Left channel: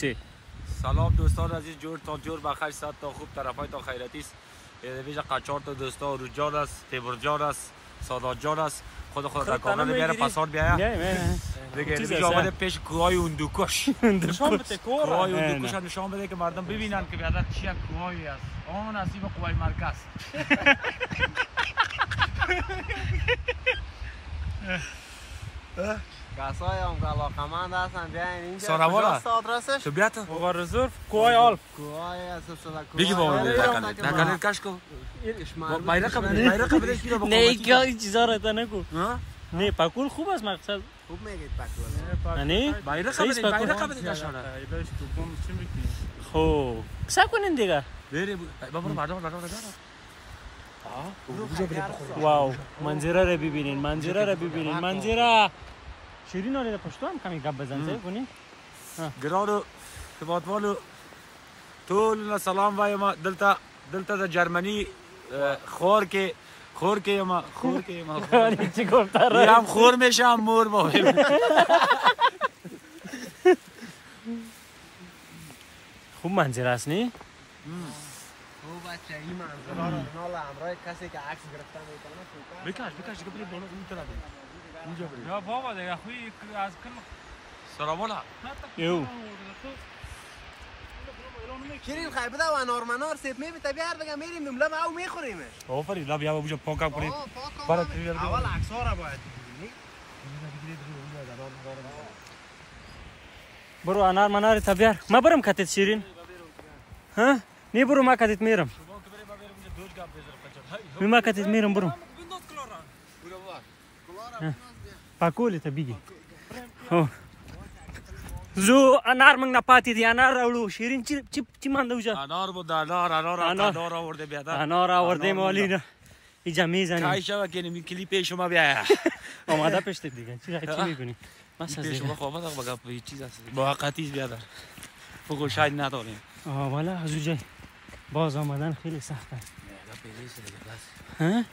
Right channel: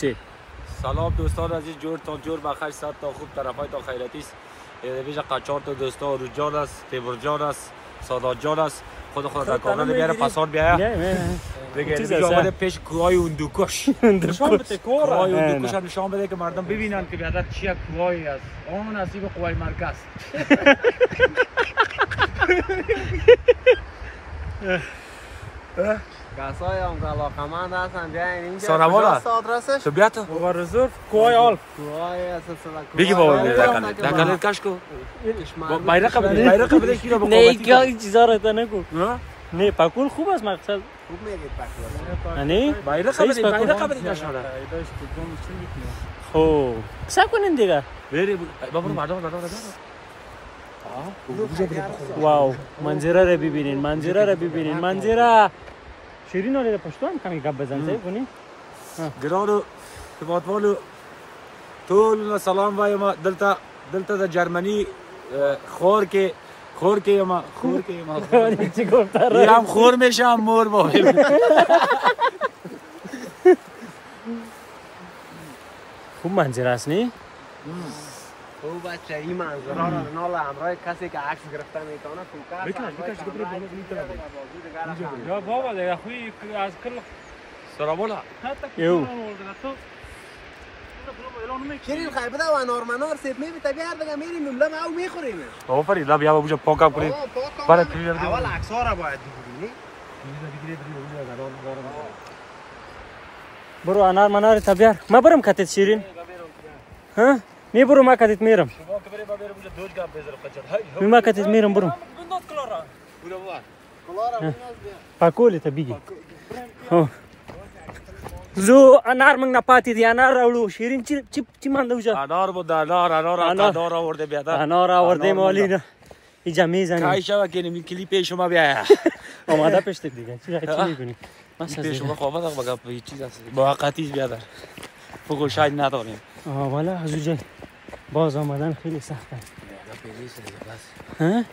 چی؟ سلام دوستان عزیز، جور تا جور بخیر، صد تا خوب، طرفای تا خیراتی است. ویژه قچار تا دوستا روجان است، تیمورجان است، سادات جان است. خود در کامل بیاره پسار بیایا دیگه دیگه آمده پیش کوهای اندوکش نشان بده کوهای اندوکش نشان بده که مردم ببینن که بیادر چیه کوهایی است. آن نزدیک کوهای مرکز. کسایی هم که علاقمند هستن بیاین اینجا. ساروالا آدرسش؟ تو بیا تو ورزور کوهای آلپ. کوهای اساسا بگی بابا دکل کش کو bayrak بده کی رو بخوام نه این چیزا رو تا نگو. نه پاکول خوب است مقصد. خوب میگید پاکول. نه bayrak بده نشاره. خب صبر کنین دیگه. بری بابا مردم واو منظره رو ببینین، منظره شیرین رو پشتو هم کمی گپ بزن صحیح کنین. گرانو تباتوالو طول سلام وایم دلتا در جرمنی خور که ما چی گفت هم خور میشم مور بایم. خوب منظره است نی؟ خوب بچه این منظره رو نال همراه کسی که عکس گرفته میتونه بکش گفت بالا این طرف یا بابا دیگه خوی از کل سراولا یو شیرین خیر بده و نارمنار سیب میبیته بیار دیگه میریم نمله او میخوریم. آفرین دا بیا بوجا پاکم کنیم. اول عکس‌ها را باید ببینی. برو انار منار تا بیار. ما برم کتت شیرین. ها؟ می برو ما کتت میرم. ما کتت میرم برو. پاکولی تا بیگی. زو انار منگ نپاتی دی انار راولو شیرین چی مانده وجا؟ انار بود انار آورده بیادر. انار آورده مالینا. اینجا میزنی. کای شوا کنیم کلیپ شما بیا. آماده پشت دیگه. چی میکنی؟ کلیپ شما خوابه بگم به چیز است. موقتی بیادر. فوق شاید نداریم. والا از اونجا باز آمدن خیلی سخته. ها؟